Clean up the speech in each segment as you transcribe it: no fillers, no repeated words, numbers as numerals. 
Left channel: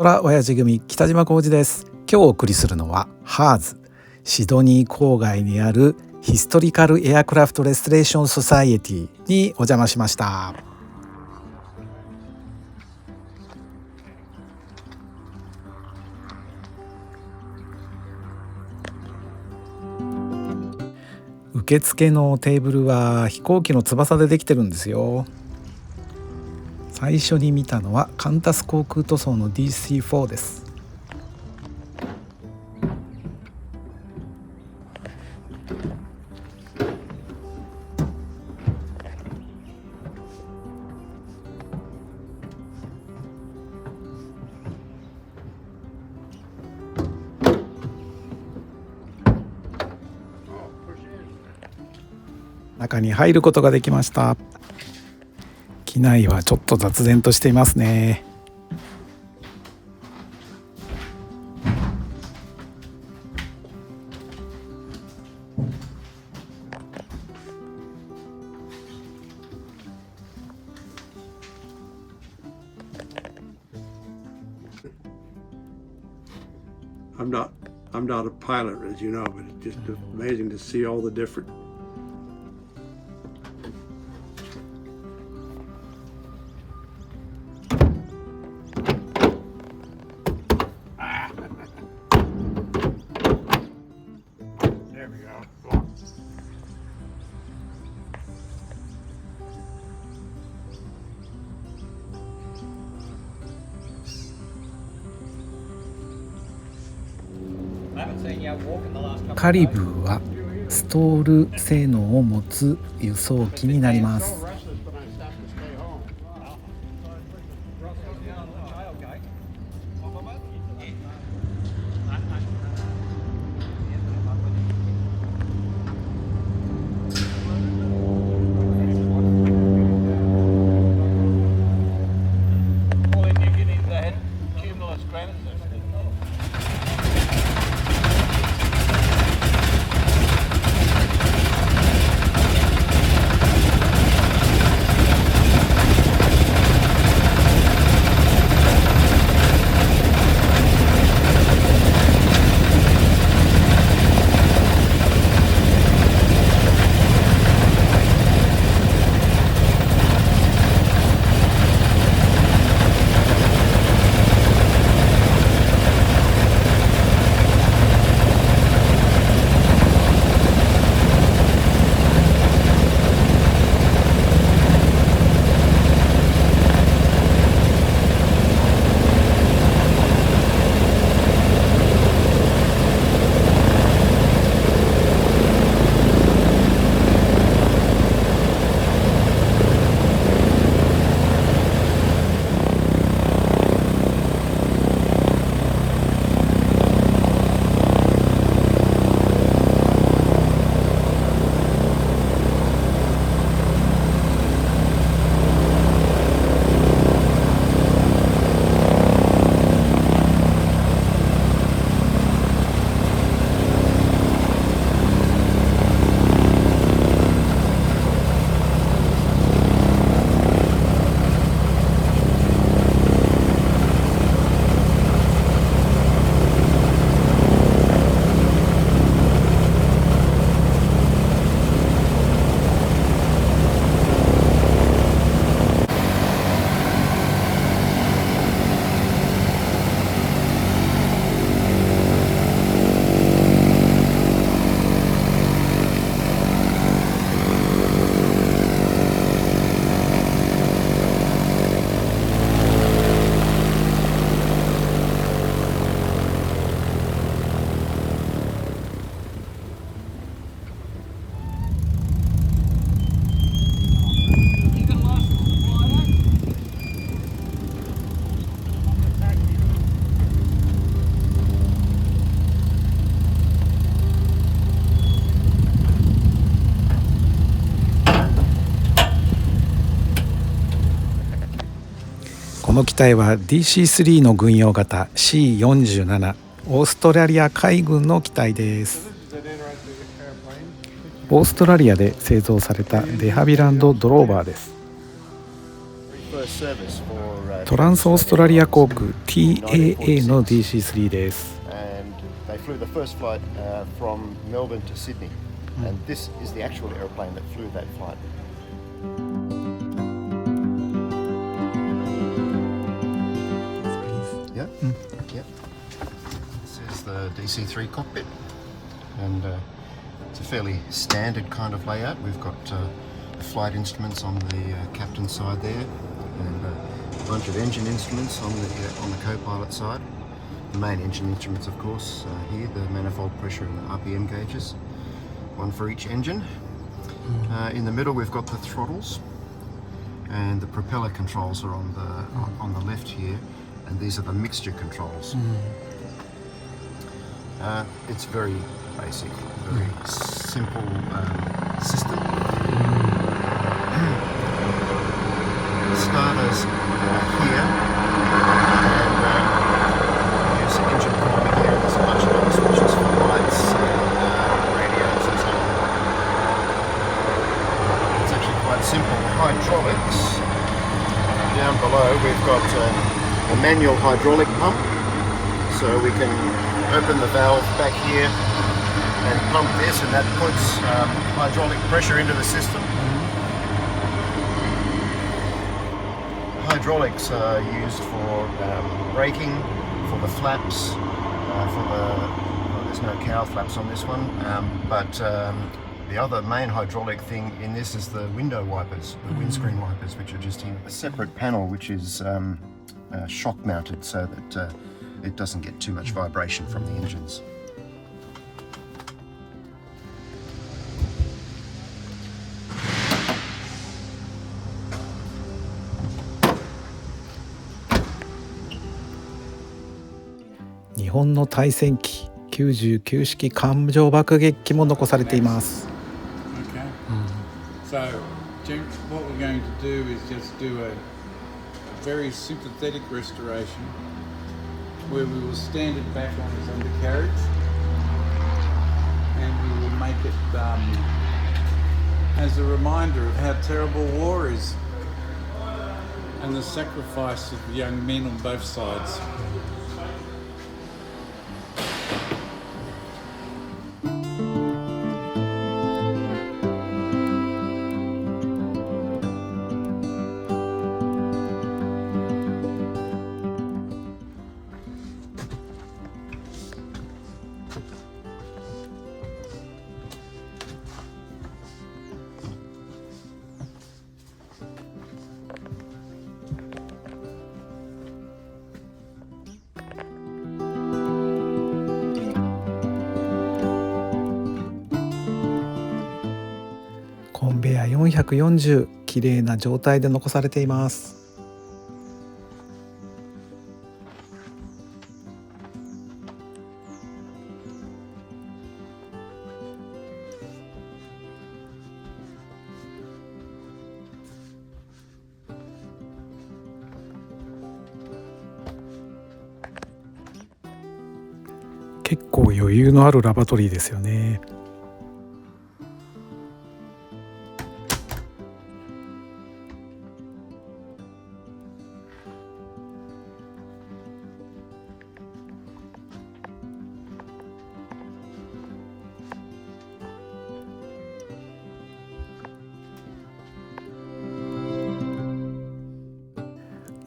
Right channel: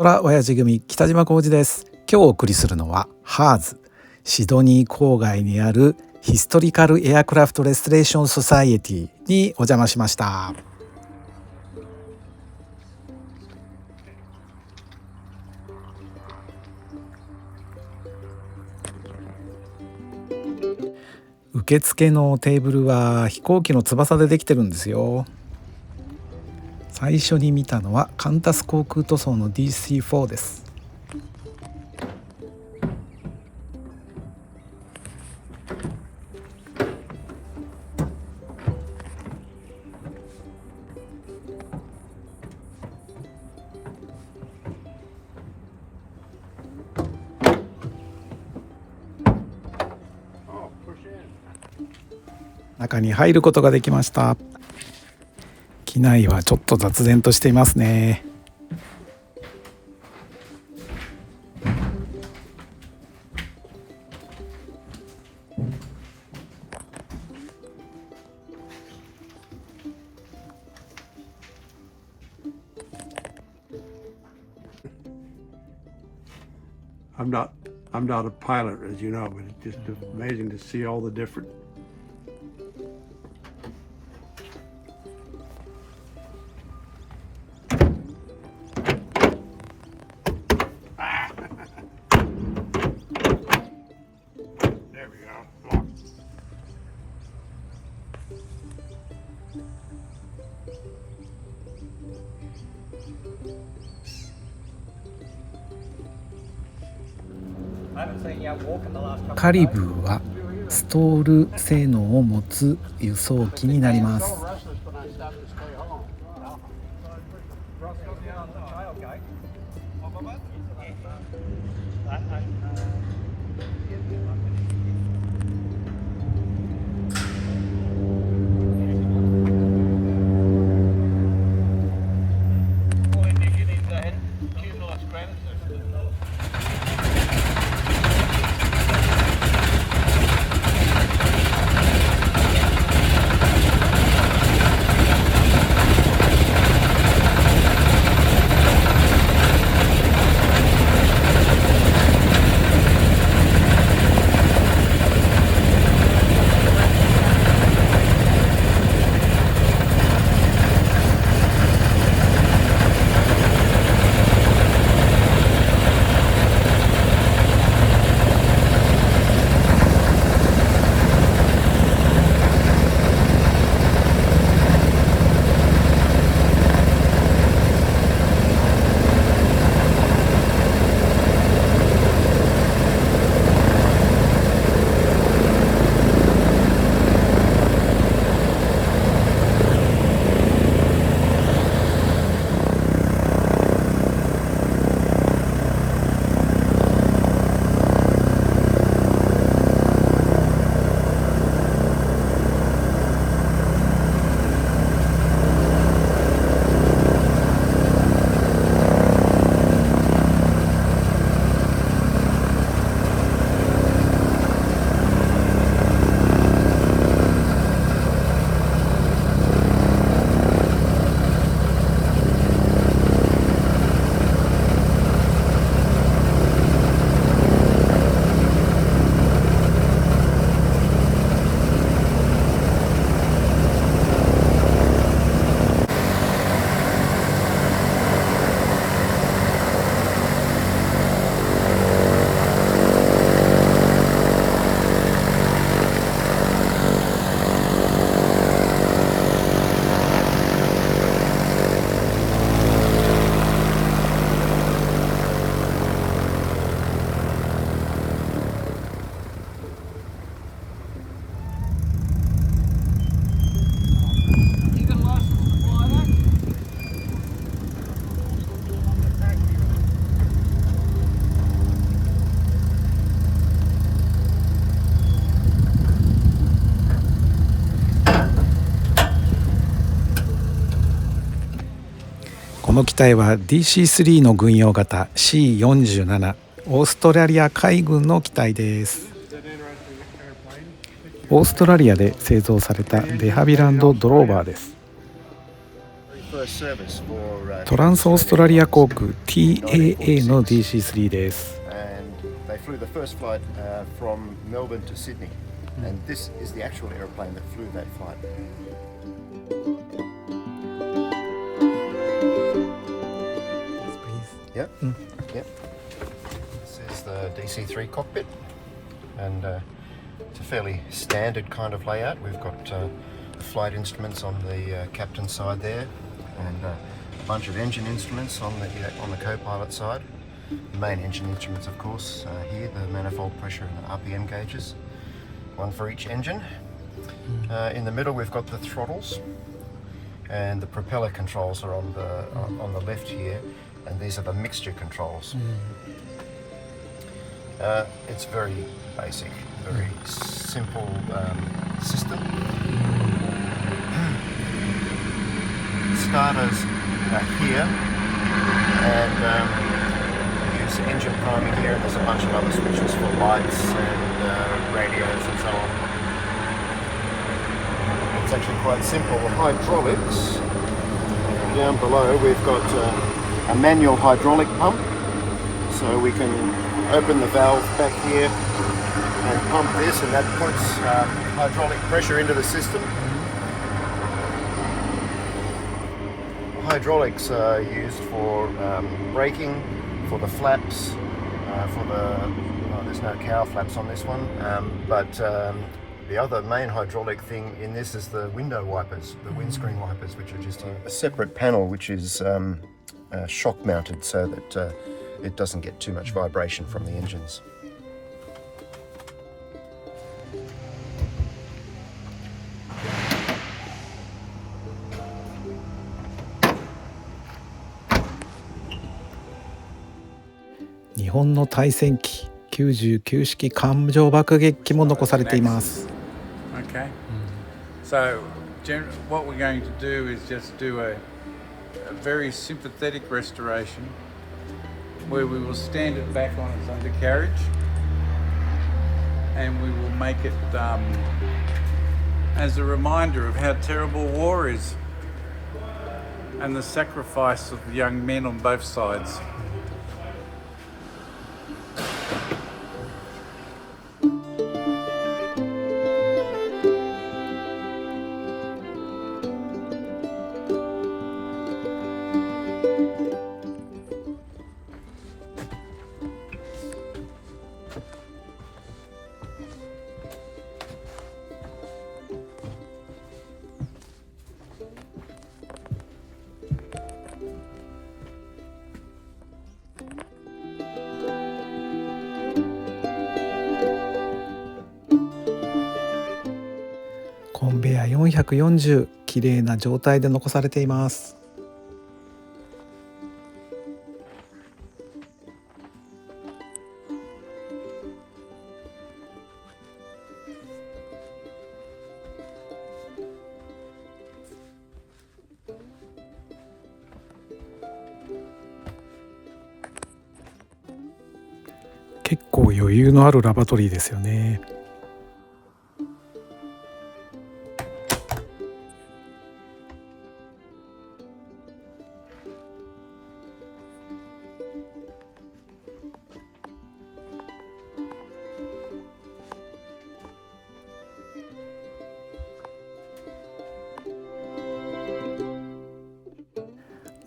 ほら親父組北島浩二です。今日お送りするのはハーズ、シドニー郊外にあるヒストリカルエアクラフトレストレーションソサイエティにお邪魔しました。受付のテーブルは飛行機の翼でできてるんですよ。最初に見たのはカンタス航空塗装の DC4 です。中に入ることができました。機内はちょっと雑然としていますね。I'm not a pilot, as you know, but it's just amazing to see all the different. There we go. カリブーはストール性能を持つ輸送機になります。この機体は DC3 の軍用型 C47 オーストラリア海軍の機体です。オーストラリアで製造されたデハビランドドローバーです。トランスオーストラリア航空 TAA の DC3 です。They flew the first flight from Melbourne to Sydney, and this is the actual airplane that flew that flight. Yeah, yeah. This is the DC3 cockpit, and it's a fairly standard kind of layout. We've got flight instruments on the captain's side there, and a bunch of engine instruments on the co-pilot side. The main engine instruments, of course, here, the manifold pressure and RPM gauges, one for each engine. In the middle, we've got the throttles, and the propeller controls are on the left here, and these are the mixture controls. It's very basic, very simple system. Starters are here, and engine priming here, and there's a bunch of other switches for lights and radios and so on. It's actually quite simple. The hydraulics, down below we've got a manual hydraulic pump, so we can open the valve back here and pump this, and that puts hydraulic pressure into the system. Hydraulics are used for braking, for the flaps, there's no cowl flaps on this one, but the other main hydraulic thing in this is the window wipers, the windscreen wipers, which are just here. A separate panel which is shock mounted so that it doesn't get too much vibration from the engines.日本の対戦機99式艦上爆撃機も残されています。Okay. So what we're going to do is just do a very sympathetic restoration where we will stand it back on its undercarriage and we will make it as a reminder of how terrible war is and the sacrifice of the young men on both sides.コンベヤ440、綺麗な状態で残されています。結構余裕のあるラバトリーですよね。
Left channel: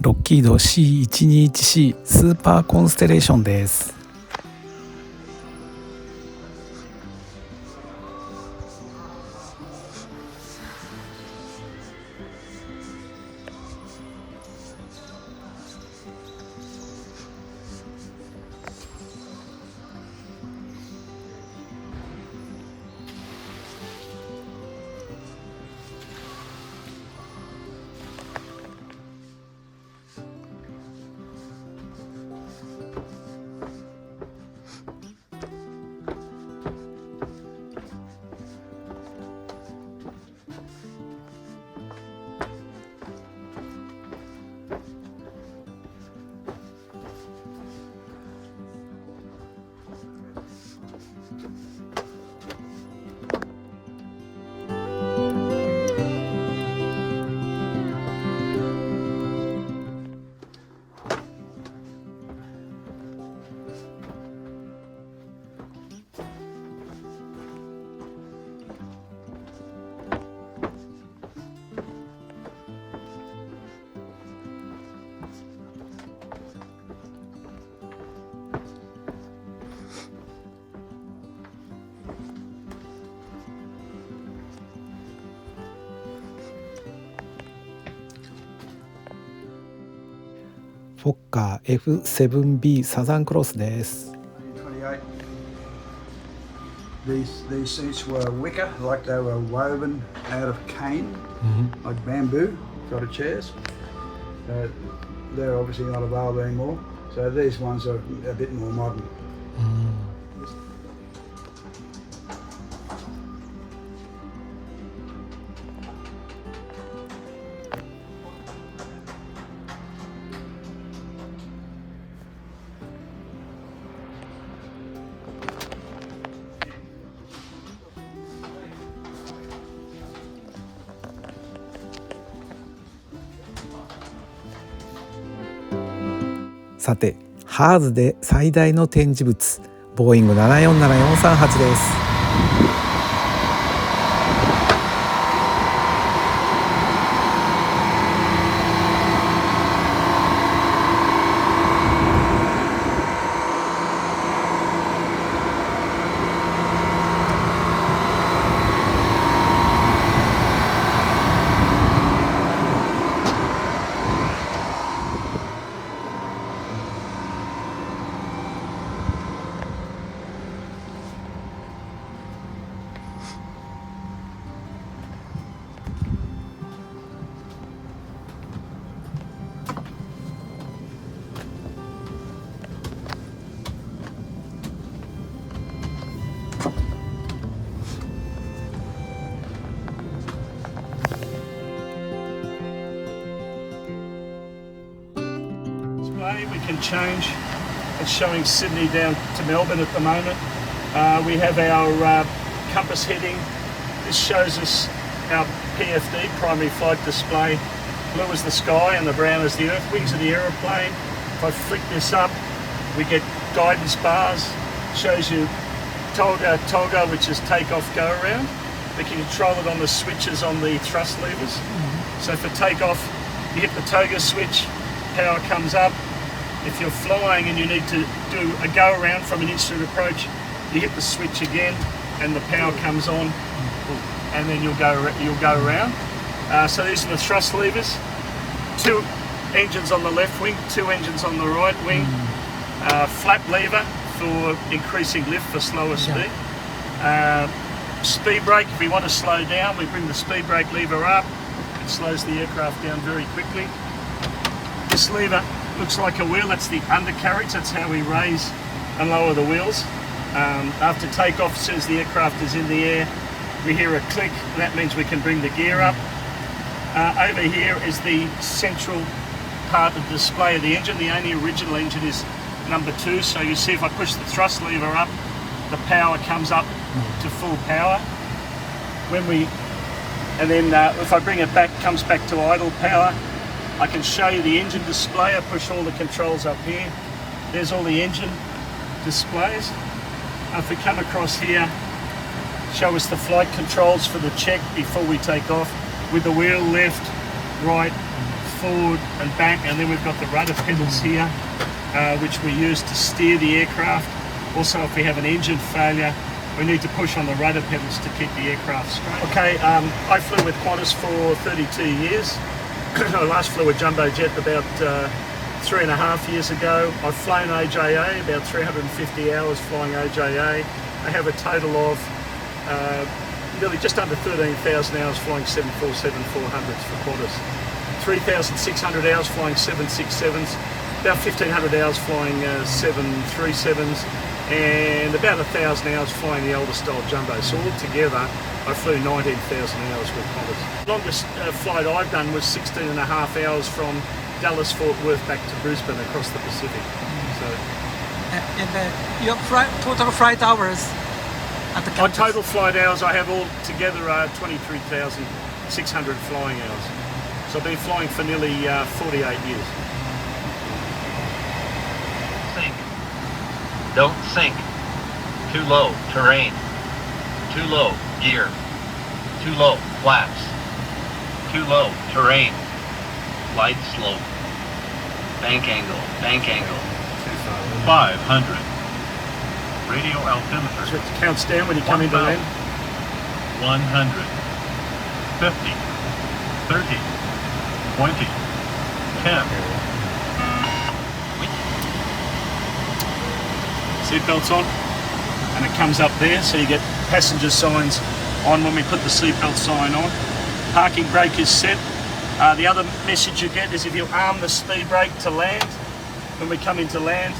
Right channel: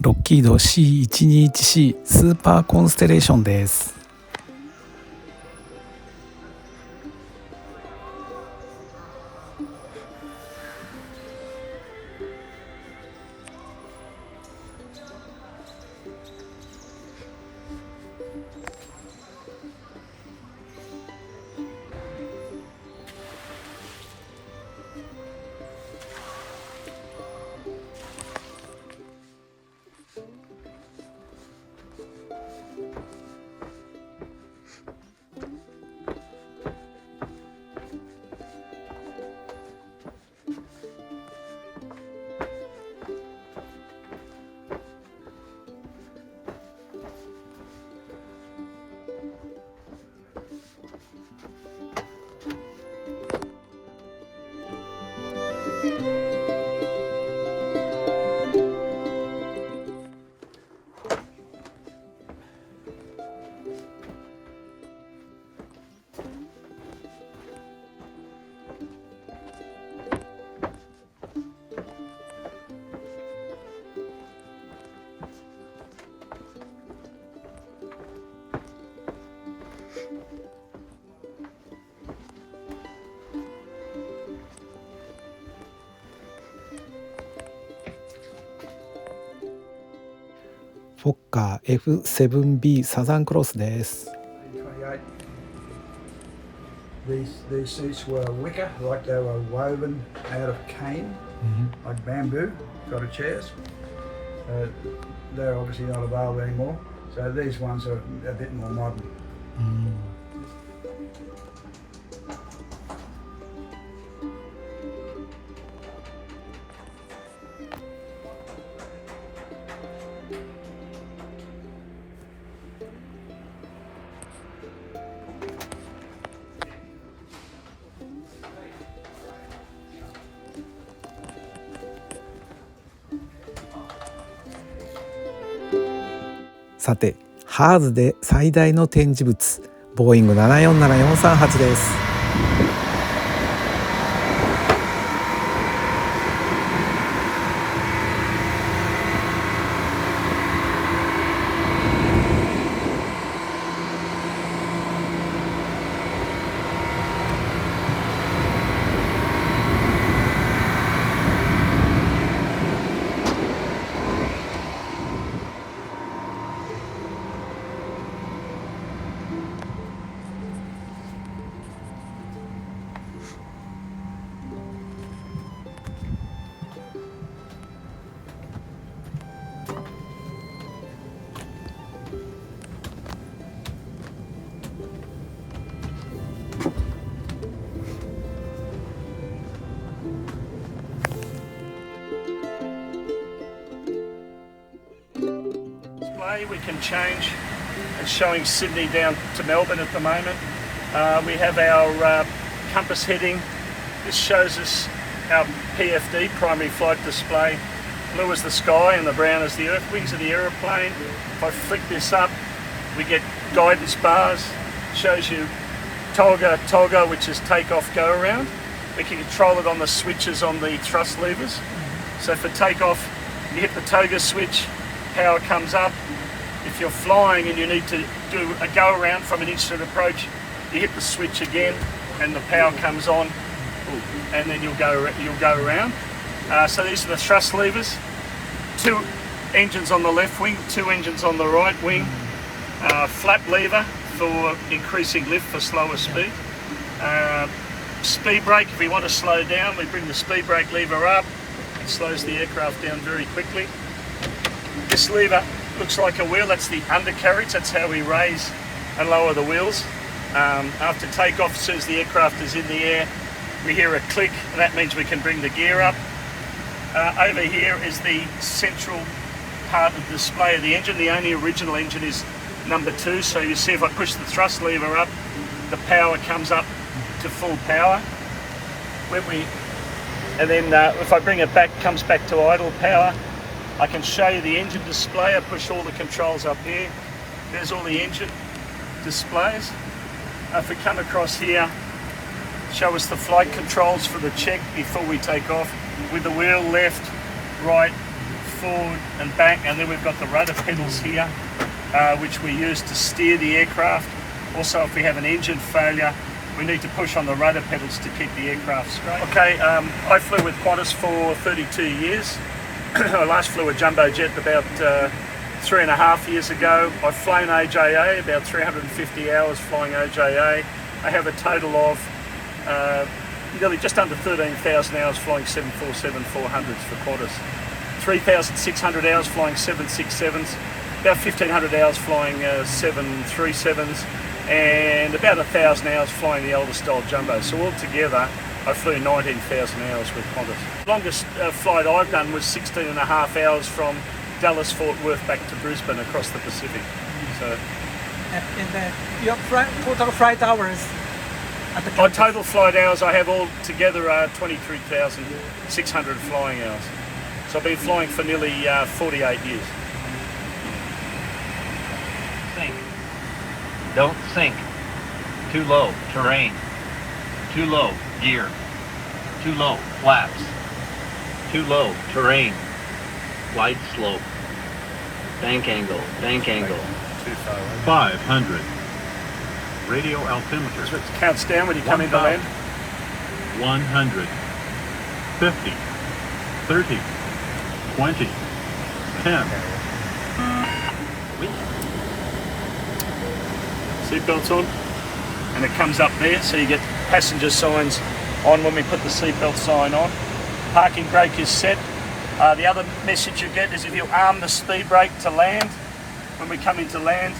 ロッキード C121C スーパーコンステレーションです。フォッカー FVIIB サザンクロスです。These seats were wicker, like they were woven out of cane, like bamboo sort of chairs. They're obviously not available anymore. So these ones are a bit more modern. さて、ハーズで最大の展示物、ボーイング747-438です。We can change. It's showing Sydney down to Melbourne at the moment. We have our compass heading. This shows us our PFD, primary flight display. Blue is the sky and the brown is the earth wings of the aeroplane. If I flick this up, we get guidance bars. Shows you Tolga, which is take off, go around. We can control it on the switches on the thrust levers. So for takeoff, you hit the Toga switch, power comes up. If you're flying and you need to do a go around from an instant approach, you hit the switch again and the power comes on, and then you'll go around. So these are the thrust levers. 2 engines on the left wing, 2 engines on the right wing. Flap lever for increasing lift for slower speed. Speed brake, if we want to slow down, we bring the speed brake lever up. It slows the aircraft down very quickly. This lever looks like a wheel, that's the undercarriage, that's how we raise and lower the wheels. After takeoff, as soon as the aircraft is in the air, we hear a click, and that means we can bring the gear up. Over here is the central part of the display of the engine. The only original engine is number 2, so you see if I push the thrust lever up, the power comes up to full power. And then if I bring it back, it comes back to idle power. I can show you the engine display. I push all the controls up here. There's all the engine displays. If we come across here, show us the flight controls for the check before we take off, with the wheel left, right, forward and back, and then we've got the rudder pedals here, which we use to steer the aircraft. Also, if we have an engine failure, we need to push on the rudder pedals to keep the aircraft straight. Okay, I flew with Qantas for 32 years. I last flew a jumbo jet about 3.5 years ago. I've flown OJA, about 350 hours flying OJA. I have a total of nearly just under 13,000 hours flying 747-400s for Qantas. 3,600 hours flying 767s, about 1,500 hours flying 737s, and about 1,000 hours flying the older style jumbo. So altogether, I flew 19,000 hours with Qantas. Longest flight I've done was 16.5 hours from Dallas, Fort Worth back to Brisbane across the Pacific. So, and your total flight hours at the campus? my total flight hours I have all together are 23,600 flying hours. So I've been flying for nearly 48 years. Sink. Don't sink. Too low. Terrain. Too low. Gear. Too low. Flaps. Too low. Terrain. Glide slope. Bank angle. Bank angle. 500. Radio altimeter. So it counts down when you come into land. 100. 50. 30. 20. 10. seatbelts on, and it comes up there, so you get passenger signs on when we put the seatbelt sign on. Parking brake is set. The other message you get is if you arm the speed brake to land, when we come into land,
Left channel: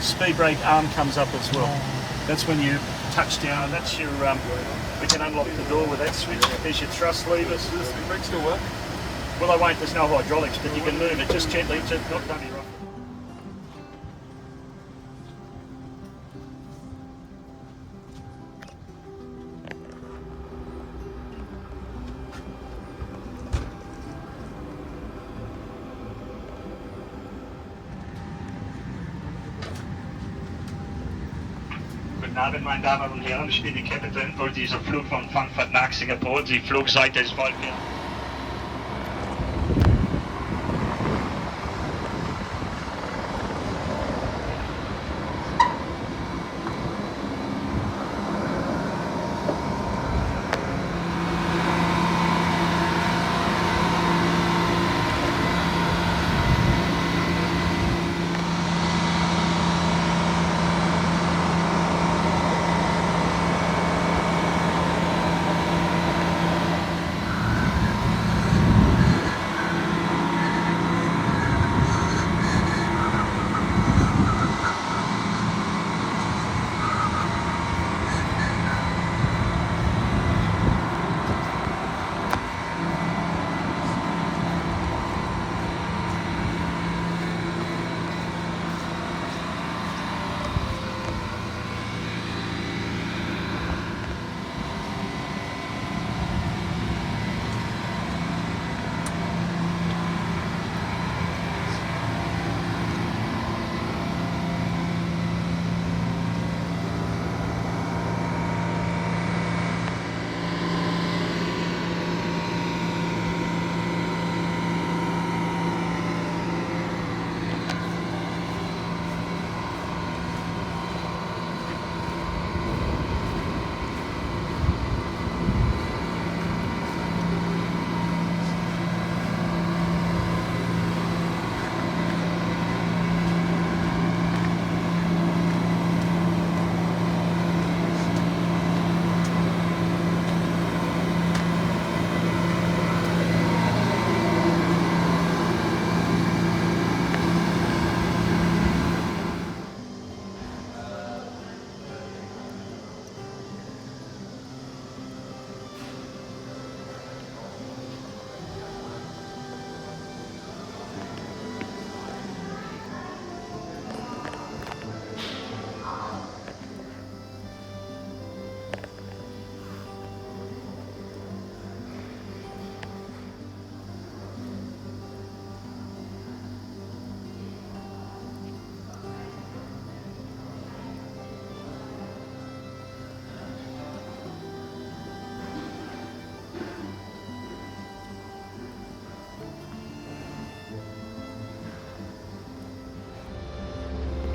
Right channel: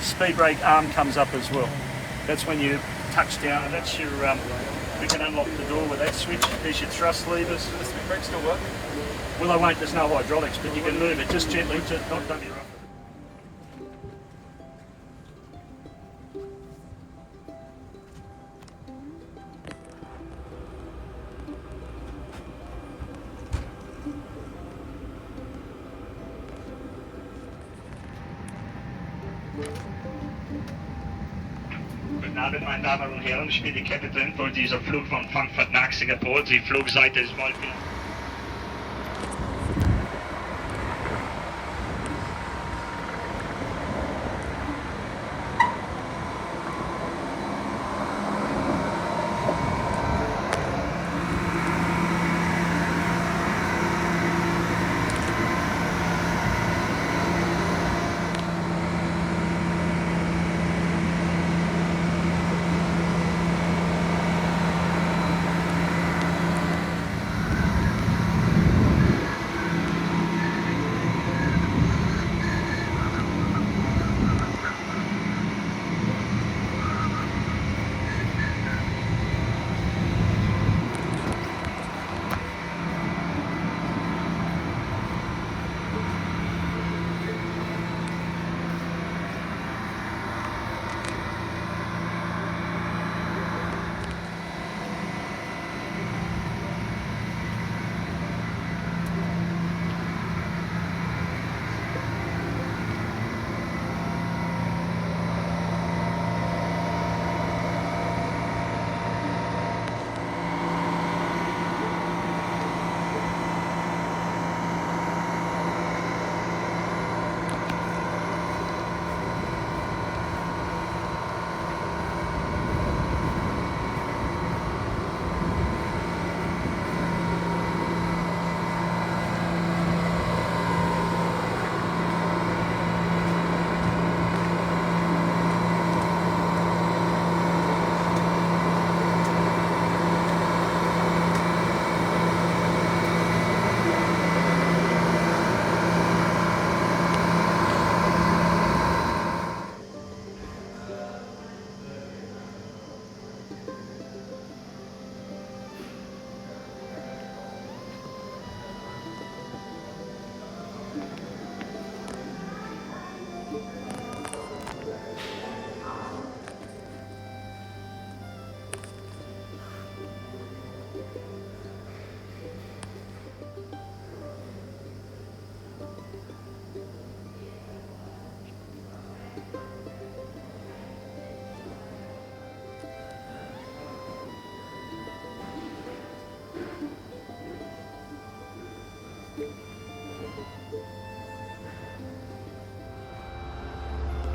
speed brake arm comes up as well. That's when you touch down, and that's your, we can unlock the door with that switch. There's your thrust levers. Does the speed brake still work? Well, they won't, there's no hydraulics, but you can move it just gently to not dump your off. Guten Abend, meine Damen und Herren. Ich bin die Captain für dieser Flug von Frankfurt nach Singapur. Die Flugseite ist folgende.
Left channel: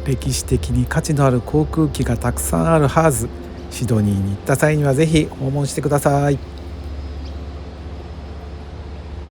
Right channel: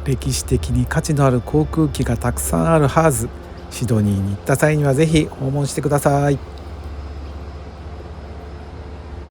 歴史的に価値のある航空機がたくさんあるハーズ、シドニーに行った際にはぜひ訪問してください。